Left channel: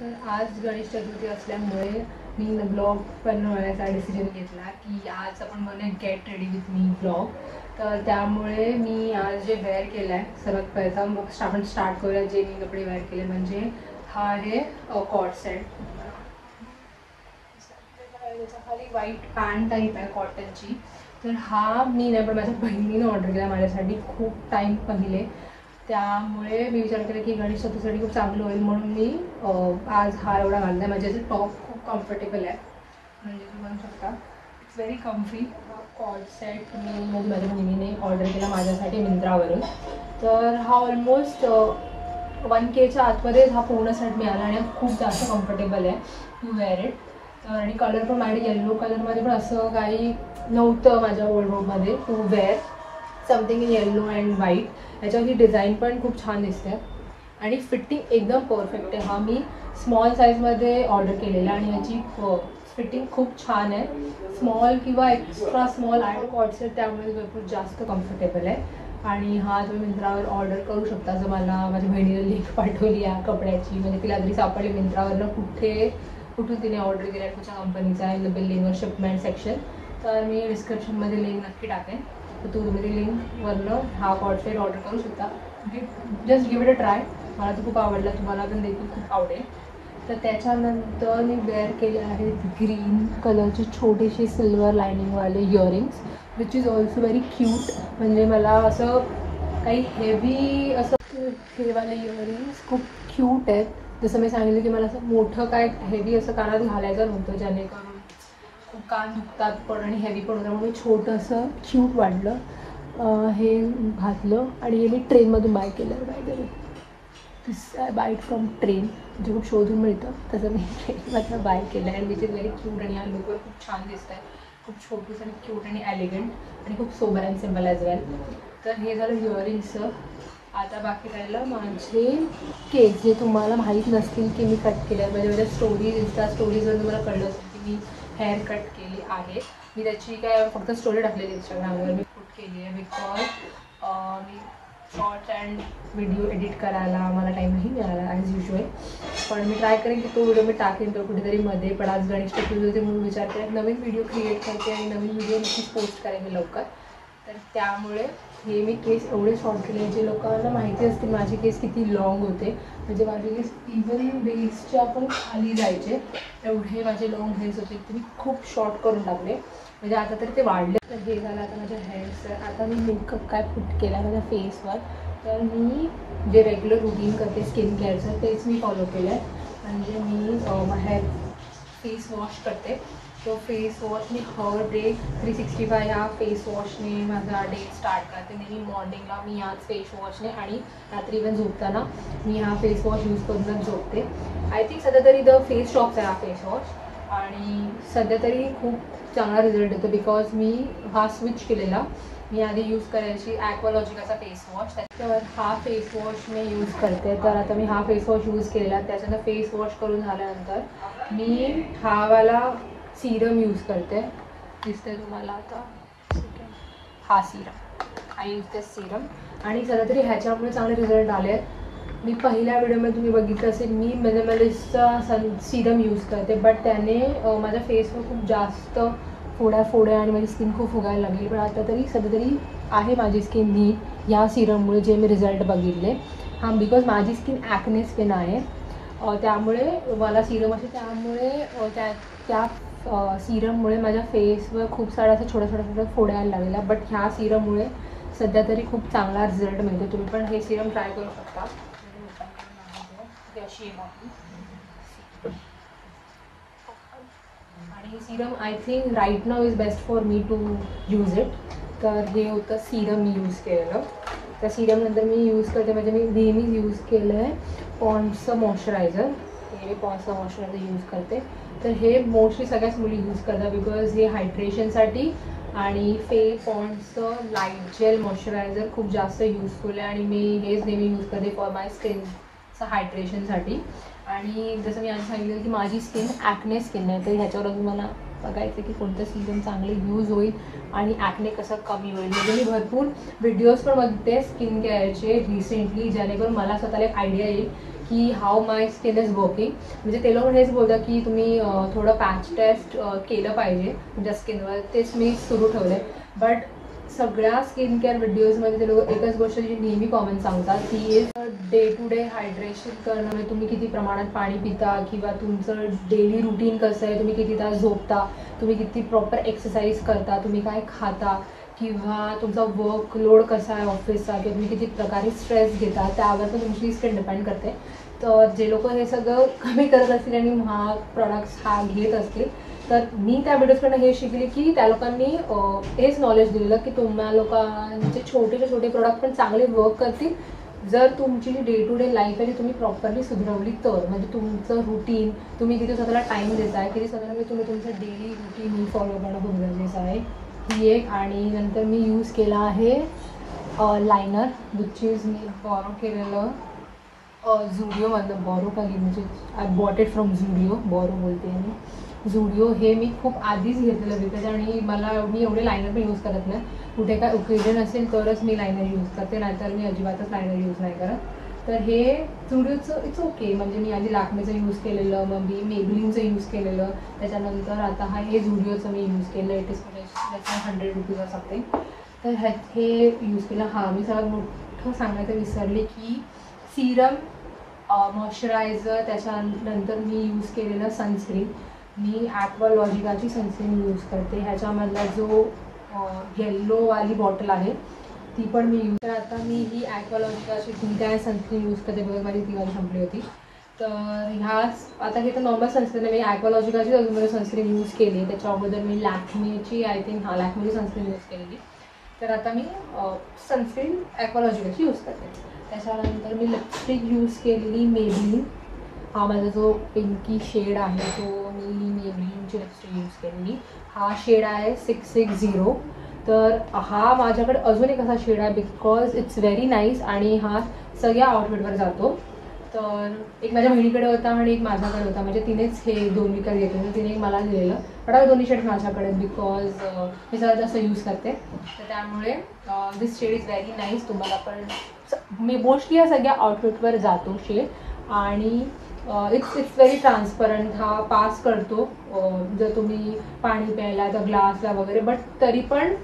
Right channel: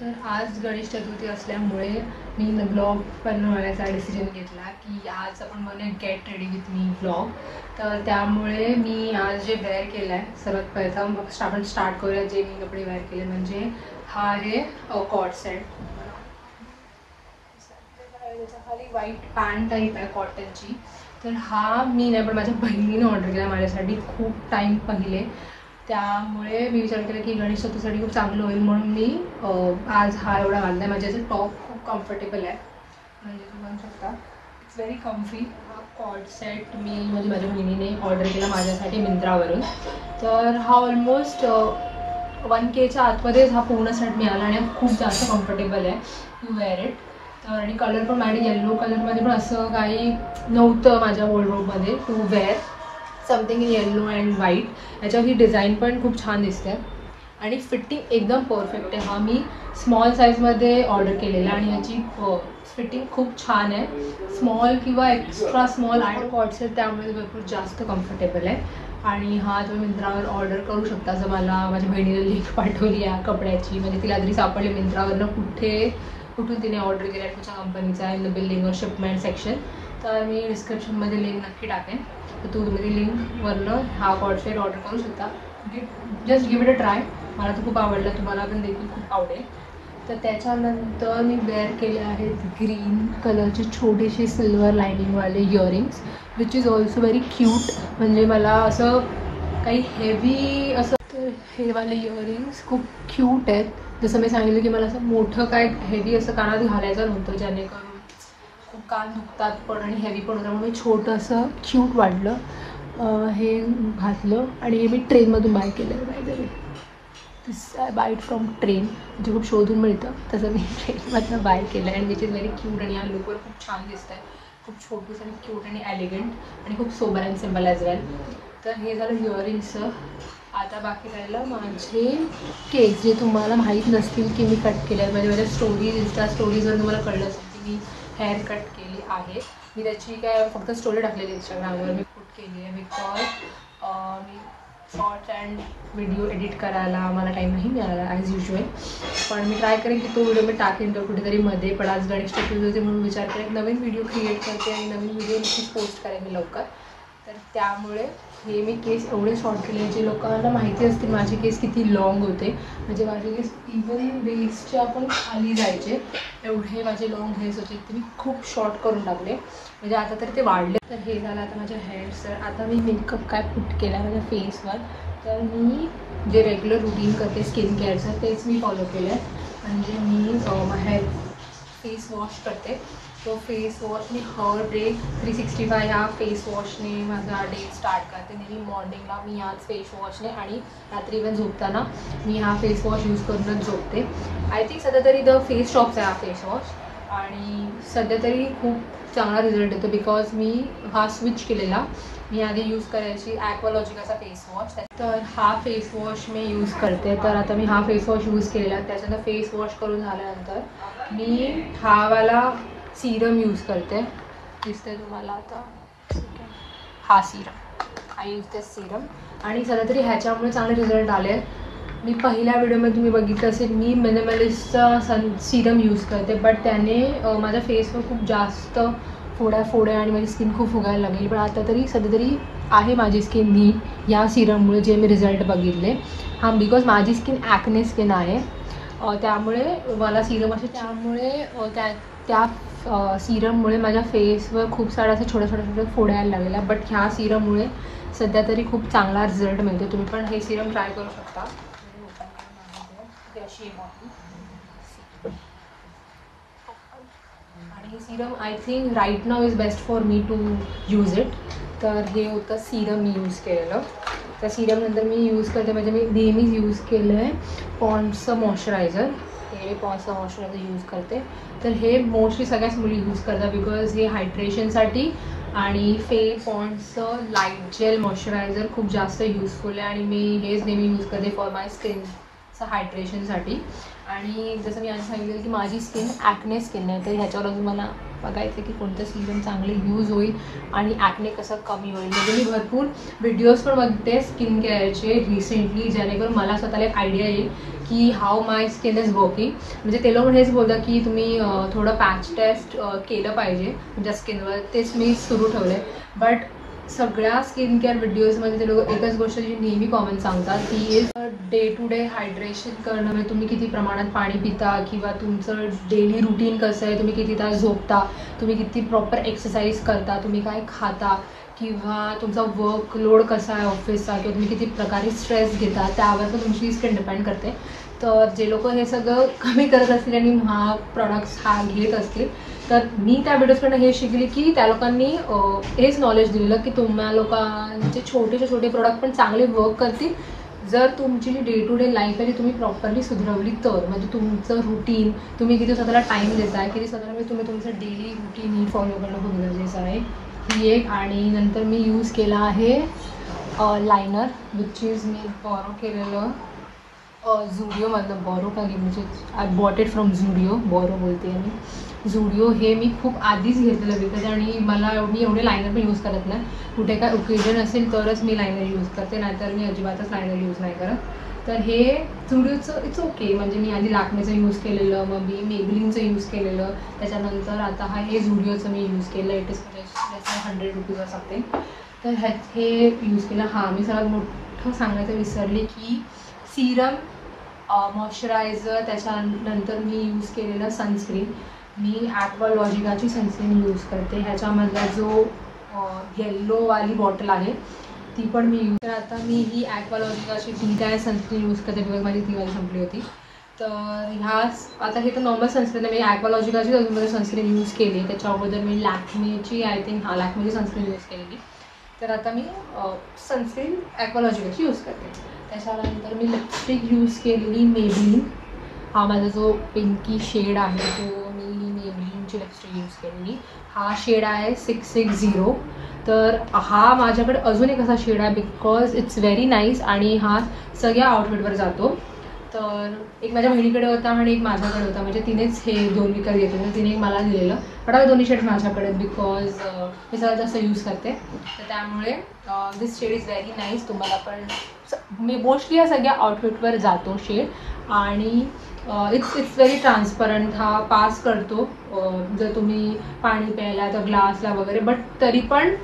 तर आज गणेश चतुर्थी असल्यामुळे मी ब्लॉग बनवण्याचा डिसिजन घेतला की आज आपण बनवूया get ready with me blog. तर त्यामुळे मी आज जे वेअर केलं आहे सर्वात प्रथम आपण स्टार्ट करूया. जे मी कपडे वेअर केले म्हणजे हा आहे कॉट सेट. खाली व्हाईट पॅन्ट टाईप आहे कॉटनची. तर हा मी नाही पण माझ्या बहिणीने ऑर्डर केला माझ्यासाठी खूप टाईम पहिले. त्यामुळे मी विचार केला की गणेश चतुर्थीसाठी खूप चांगलं होईल म्हणून मी आज हा एवढा घालला आहे. माझ्याचं टॉप खूप कम्फर्टेबल आहे म्हणजे तुम्ही बघू शकता it's very comfy. Co-ord set मी म्हणजे माझ्या बहिणीने ऑर्डर केला माझ्यासाठी मिंत्रावरून. तर हा ऑलमोस्ट 1Kच्या आतमध्येच हा पूर्ण सेट मिळाला आणि खूप जास्त कम्फर्टेबल आहे टू वेअर इट. तर आणि कलर पण माझ्या येल्लो कलरमध्ये पण असं काही नव्हतं माझ्या वॉर्डरोबमध्ये to wear something in yellow and white. याच्यावर ही डिझाईन पण खूप छान दिसते आणि फिटिंग एकदम परफेक्ट आहे. हा मी स्मॉल साईजमध्ये ऑर्डर केलेला आणि याची फिटिंग खूप छान आहे. स्मॉल किंवा एक्स्ट्रा स्मॉल आहे कॉट सेट त्यामुळे भरपूर जास्त कम्फर्टेबल आहे. आणि हा तुम्ही मिंत्रावर ऑर्डर करू शकता. जर मला माझ्या बहिणीने लिंक पाठवली या कपड्याची म्हणजे तिला जरी सापडली मिंत्रावरनं कुठून तिने ऑर्डर केला आहे कुठच्या कंपनीचा इन द बिलिंग और शिपमेंट सेक्शन तर मी डिस्क्रिप्शनमध्ये लिंक नक्की टाकेन. तर तुम्ही ती लिंकवरनं हा कॉट सेट ऑर्डर करू शकता. Just give it a try. मला तर खूप आवडलं तुम्हाला पण देखील खूप आवडेल. तर त्याच्यानंतर मी वेअर केले आहेत ग्रीन कलरचे छोटेसे सिल्वर लायनिंगवाले earrings which is also very cute. म्हणजे मला असं काही हेवी असं तर हे वाले इयरिंग्स खूप क्यूट आहेत. जसं मी सांगितलं की मला असं मोठं काय हेवी असं कानात घालायचं नव्हतं जेणेकरून खूप कान दुखतात पण आणि हेवी पण होतं म्हणून मी छोटंसं क्यूट वाटलं हे घातलं. आणि हे मी ट्रेनमधून बाय केलं आहे by the way. This I buy from train म्हणजे खूप शोधून मिळतं तसं मी ट्रेनमधनं बाय केलं आहे आणि विच इज व्हेरी क्यूट आणि या लुकवर खूप छान दिसत आहे. खूप छोटूस आणि क्यूट आणि एलिगंट आणि खूप सोबर अँड सिम्पल ॲज वेल. तर हे झालं इयरिंग्सचं. आता बाकी राहिलं माझे केस जे तुम्हाला माहीत नसतील की मी कट केले आहेत. माझ्या स्टोरीज इंस्टा स्टोरीजवर तुम्हाला कळलं असेल की मी हेअर कट केली आहे. मी त्याची काय फक्त स्टोरी टाकलेली इंस्टाग्रामवर मी कट केली आहे because me shorts and video edit करायला मला टाईम नाही मिळाला ॲज युजल. पण मी ट्राय करेन की तो व्हिडिओ मी टाकेन तो कुठेतरी मध्ये. पण आज गणेश चतुर्थी होते म्हणून विचार करेन नवीन व्हिडिओ क्रिएट करते आणि नवीन व्हिडिओ नक्कीच पोस्ट करेन मी लवकर. तर त्यामुळे हे मी केस एवढे शॉर्ट केले जे लोकांना माहिती असतील माझे केस किती लॉंग होते. म्हणजे माझे केस इवन वेस्टच्या पण खाली जायचे एवढे माझे लॉंग हेअर्स होते ते मी खूप शॉर्ट करून टाकले. म्हणजे आता तरी ते वाढले. तर हे झालं आता माझे हेअर्स. तर आता मी मेकअप काय पुट केला माझ्या फेसवर. तर मी जे रेग्युलर रुटीन करते स्किन केअरचं तेच मी फॉलो केलं आहे. म्हणजे मी हेअर फेस वॉश करते. तो फेस वॉश मी हर डे 365 ह्या फेस वॉशने माझा डे स्टार्ट करते. नेहमी मॉर्निंगला मी ह्याच फेस वॉशने आणि रात्री इवन झोपताना मी हा फेस वॉश यूज करूनच झोपते. आय थिंक सध्या तरी द फेस शॉप्स आहे हा फेस वॉश आणि सध्या तरी खूप चांगला रिझल्ट येतो बिकॉज मी हा स्विच केलेला. मी आधी यूज करायची ॲक्वालॉजिकाचा फेस वॉश. तर हा फेस वॉश मी यूज करते. तर आता मी हा फेस वॉश यूज केलेला. त्याच्यानंतर फेस वॉश करून झाल्यानंतर मी हा वाला सीरम यूज करते. दिसतंय तुम्हाला आता हा serum I use this serum. आणि सध्या तरी ह्याच्यामुळे चांगले रिझल्ट आले. मी पहिल्या व्हिडिओमध्ये तुम्ही बघितलं असेल मी मिनिमलिस्टचा सीरम यूज करते बट त्याने माझ्या फेसवर खूप जास्त फोड्या आणि माझी स्किन खूप फुगायला लागली. पण आता तरी सध्या तरी आहे माझी स्किन नीट या सीरममुळे जे मी रिझल्ट बघितले. हां बिकॉज माझी स्किन ॲक्ने स्किन आहे त्यामुळे मला सीरम असे त्यामुळे त्या सीरममुळे माझ्या फेसवर खूप साऱ्या असं छोट्या फोड्या यायला लागलेल्या. बट ह्या सीरममुळे सध्या तरी खूप चांगला रिझल्ट मिळतो. तुम्ही पण हे सीरम ट्राय करू शकता. आणि serum I think right now is best for me to use it. तर हे होतं सीरम मी यूज केलेलं. तर सीरमनंतर मी यूज करते म्हणजे मी नेहमीच यूज केलं आहे पॉन्ड्सचं मॉइश्चरायझर. हे पॉन्ड्सचं मॉइश्चरायझर यूज करते. तर हे मोस्टली सगळ्याच मुली यूज करतात बिकॉज हे हायड्रेशनसाठी आणि पॉन्ड्सचं लाईट जेल मॉइश्चरायझर खूप जास्त युजफुल आहे आणि मी हेच नेहमी यूज करते फॉर माय स्किनचं हायड्रेशनसाठी. आणि जसं मी आधी सांगितलं की माझी स्किन ॲक्ने स्किन आहे तर ह्याच्यावर अजून मला बघायचं की कोणतं सीरम चांगलं यूज होईल आणि ॲक्ने कसं कमी होईल. म्हणजे मी भरपूर व्हिडिओज पण बघते स्किन केअरचे रिसेंटली जेणेकरून मला स्वतःला एक आयडिया येईल की how my skin is working. म्हणजे ते लोक हेच बोलतात की तुम्ही थोडं पॅच टेस्ट केलं पाहिजे तुमच्या स्किनवर. तेच मी सुरू ठेवलं आहे. बट सगळ्या स्किन केअर व्हिडिओजमध्ये ते लोक एकच गोष्ट जी नेहमी कॉमन सांगतात ती is day to day hydration करणं. म्हणजे तुम्ही किती प्रमाणात पाणी पिता किंवा तुमचं डेली रुटीन कसं आहे, तुम्ही किती तास झोपता, तुम्ही किती प्रॉपर एक्सरसाइज करता, तुम्ही काय खाता, किंवा तुमचा वर्कलोड कसा आहे ऑफिसचा, किंवा तुम्ही किती प्रकारे स्ट्रेस घेता, त्यावर पण तुमची स्किन डिपेंड करते. तर जे लोक हे सगळं कमी करत असतील आणि हा प्रॉडक्ट्स घेत असतील, तर मी त्या व्हिडिओजकडनं हे शिकली की त्या लोकांनी हेच नॉलेज दिलेलं की तुम्हा लोकांचे छोटे प्रोडक्ट पण चांगले वर्क करतील जर तुमची जी डे टू डे लाईफ आहे ती तुम्ही प्रॉपरली सुधरवली तर. म्हणजे तुमचं रुटीन, तुम्ही किती स्वतःला टाईम देताय, किती स्वतःला तुम्ही तुमचं डेली रुटीन फॉलो करणं खूप गरजेचं आहे. ही एक. आणि नंतर मी यूज केला आहे लायनर, विच इज मी बॉरो केलेलं झुडिओमधलं. बॉरो का म्हणजे I bought it from Zudio, borrow बोलते मी. झुडिओ हे मी खूप आधीच घेतलेलं विकत आणि मी एवढे लायनर पण यूज करत नाही. कुठे काय ओकेजन असेल तरच मी लायनर यूज करते, नाहीतर मी अजिबातच लायनर यूज नाही करत. तर हे झुडिओचं इट्स ओके. म्हणजे मी आधी लॅक्मेचं यूज केलेलं, मग मी मेबलिनचं यूज केलेलं, त्याच्यानंतर आता हे झुडिओचं मी यूज केलं. It is 100 rupees something. तर हे यूज केलं. मी सगळ्यात मोठं सांगायचं विसरले की सिरम, मॉइश्चरायझर, त्याच्यानंतर मी यूज केलेलं सनस्क्रीन. मी ॲक्वालॉजिकाची सनस्क्रीन यूज करते. ह्याच्यामधला जो येल्लोवाली बॉटल आहे ती पण मी यूज करते. आता मी ही ॲक्वालॉजिकाची टी सनस्क्रीन यूज करते बिकॉज माझी ती वाली संपली होती. तर आता हे तर नॉर्मल सनस्क्रीन आहे. मी ॲक्वालॉजिकाची अजूनमध्ये सनस्क्रीन यूज केली. त्याच्या अगोदर मी लॅक्मेची लॅक्मेची सनस्क्रीन यूज केलेली. तर आता मी सनस्क्रीन ॲक्वालॉजिकाची यूज करते. त्याच्यानंतर मी लिपस्टिक यूज केलेली मेबलिन. माझा जो पिंकी शेड आहे तो मी मेबलिनची लिपस्टिक यूज केलेली. शेड आहे 660. तर माझ्याकडे अजून एक असा शेड आहे बिकॉज इट्स व्हेरी नाईस आणि सगळ्या आउटफिटवर जातो. तर एक माझ्या बहिणीकडे होता आणि एक माझ्याकडे होता. म्हणजे तिनेच हे 2 विकत घेतले, तर तिने एक मला दिलेलं. पण आता दोन्ही शेड माझ्याकडे बिकॉज मी सगळ्यात जास्त यूज करते. तर त्यामुळे दिस शेड इज व्हेरी नाईस. तुम्हाला पण मी मोस्टली या सगळ्या आउटफिटवर जातो शेड. आणि इट्स व्हेरी ट्रान्सपरंट. पास करतो जर तुम्ही पाणी प्यायला तर ग्लासला वगैरे. बट तरी पण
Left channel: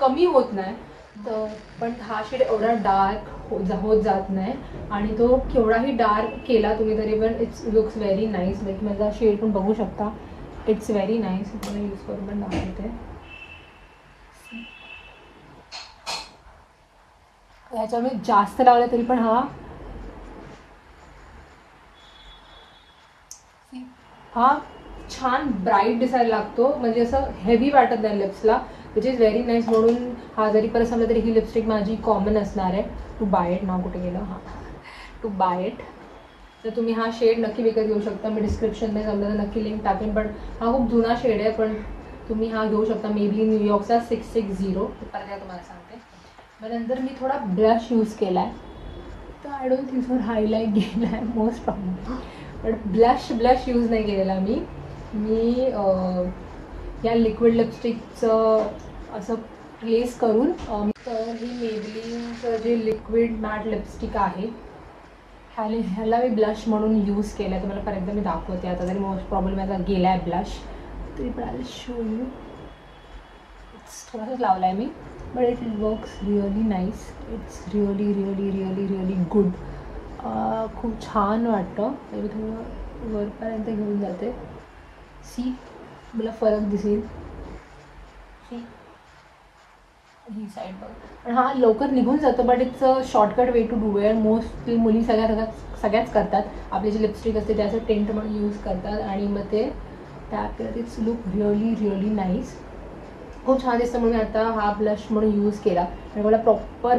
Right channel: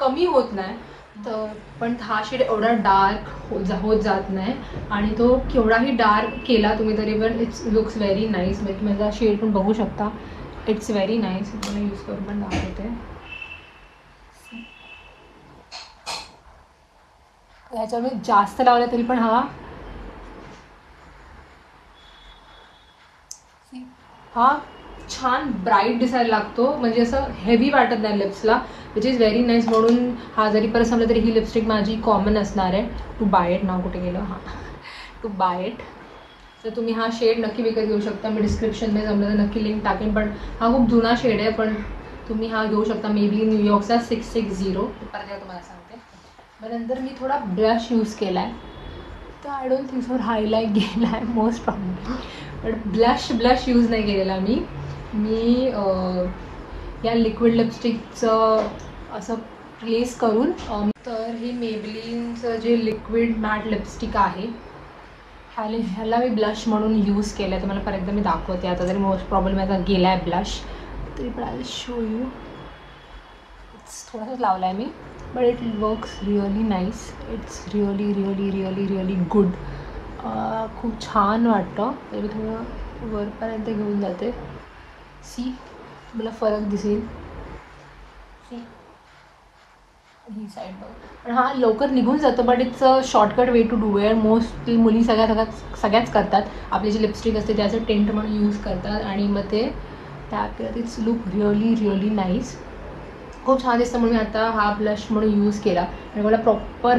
कमी होत नाही. तर पण शेड एवढा डार्क होत जात नाही आणि तो केवढाही डार्क केला तुम्ही तरी पण इट्स लुक्स व्हेरी नाईस. माझा शेड पण बघू शकता. It's very nice. मला यूज करून पण दाखवते. ह्याच्यामध्ये जास्त लावला तरी पण छान ब्राईट दिसायला लागतो. म्हणजे असं हेवी वाटत नाही लिप्सला, विच इज व्हेरी नाईस. म्हणून जरी परत समजलं तरी ही लिपस्टिक माझी कॉमन असणार आहे. To buy it. नाव कुठे गेलं? To buy it. तर तुम्ही शेड नक्की विकत घेऊ शकता. मी डिस्क्रिप्शनमध्ये जमलं तर नक्की लिंक टाकेन. पण खूप जुना शेड आहे, पण तुम्ही घेऊ शकता. मेबी न्यूयॉर्कचा 660 परत तुम्हाला सांगते. मग नंतर मी थोडा ब्लश यूज केला आहे. तर I don't think for highlight गेला आहे most problem. But blush use नाही केलेला मी या लिक्विड लिपस्टिकचं असं प्लेस करून. तर ही मेबलिनचं जे लिक्विड मॅट लिपस्टिक आहे ह्याला मी ब्लश म्हणून यूज केलं आहे. तुम्हाला परत एकदा मी दाखवते. आता तरी मोस्ट प्रॉब्लेम माझा गेला आहे ब्लश, तरी पण आय विल शो यू. थोडासाच लावला आहे मी, but it works really nice. It's really good. खूप छान वाटतं. मी थोडं वरपर्यंत घेऊन जाते. सी, मला फरक दिसेल. सी ही साईड बघ. पण लवकर निघून जातो. But it's a shortcut way to do it. Mostly मुली सगळ्याच करतात. आपली जी लिपस्टिक असते त्याचं टेंट म्हणून यूज करतात आणि मग ते त्यात इट्स लुक रिअली नाईस. खूप छान दिसतं. म्हणून मी आता ब्लश म्हणून यूज केला. आणि मला प्रॉपर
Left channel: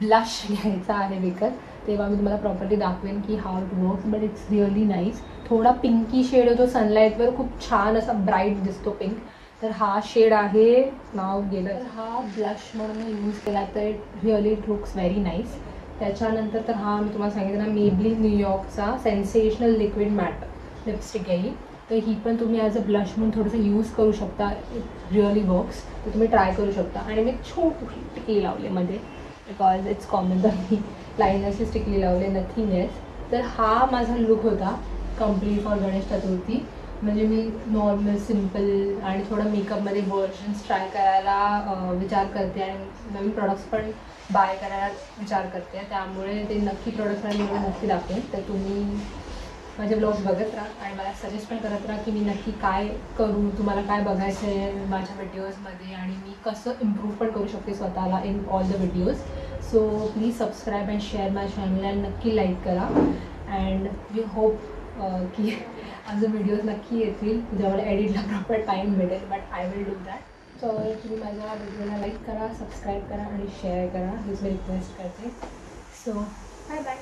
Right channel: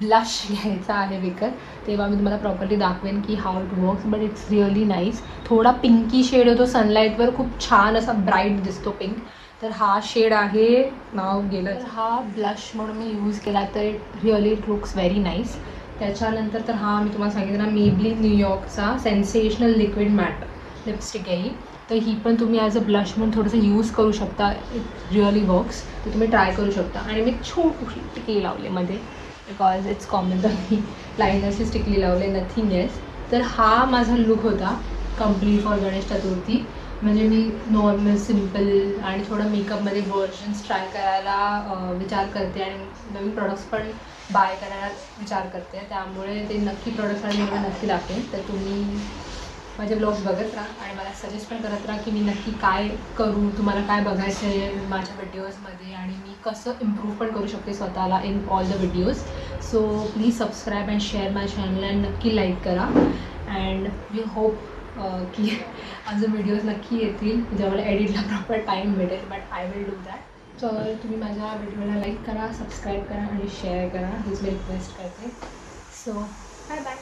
ब्लश घ्यायचा आहे विकत, तेव्हा मी तुम्हाला प्रॉपरली दाखवेन की how it works. But it's really nice. थोडा पिंकी शेड होतो सनलाईटवर, खूप छान असा ब्राईट दिसतो पिंक. तर शेड आहे, नाव गेलं. तर ब्लश म्हणून मी यूज केला. तर इट लुक्स व्हेरी नाईस. त्याच्यानंतर तर मी तुम्हाला सांगितलं ना, मेबलिन न्यूयॉर्कचा सेन्सेशनल लिक्विड मॅट लिपस्टिक आहे. तर ही पण तुम्ही ॲज अ ब्लश म्हणून थोडंसं यूज करू शकता. It really works. तर तुम्ही ट्राय करू शकता. आणि मी छोटीशी टिकली लावली मध्ये. बिकॉज इट्स कॉमन तर मी लायनरची स्टिकली लावले, नथिंग एल्स. तर हा माझा लुक होता कम्प्लीट फॉर गणेश चतुर्थी. म्हणजे मी नॉर्मल सिम्पल आणि थोडं मेकअपमध्ये व्हर्जन्स ट्राय करायला विचार करते आणि नवीन प्रोडक्ट्स पण बाय करायला विचार करते. त्यामुळे ते नक्की प्रोडक्ट्स आणि मी नक्की दाखवेन. तर तुम्ही माझे ब्लॉग्स बघत राहा आणि मला सजेस्ट पण करत राहा की मी नक्की काय करू, तुम्हाला काय बघायचं आहे माझ्या व्हिडिओजमध्ये आणि मी कसं इम्प्रूव्ह पण करू शकते स्वतःला in all the videos. So please subscribe and share my channel and नक्की लाईक करा. अँड वी होप की अजून व्हिडिओज नक्की येतील जेव्हा मला एडिटला प्रॉपर टाईम भेटेल. But I will do that. So तुम्ही माझ्या व्हिडिओला लाईक करा, सबस्क्राईब करा आणि शेअर करा हीच मी रिक्वेस्ट करते. So bye bye.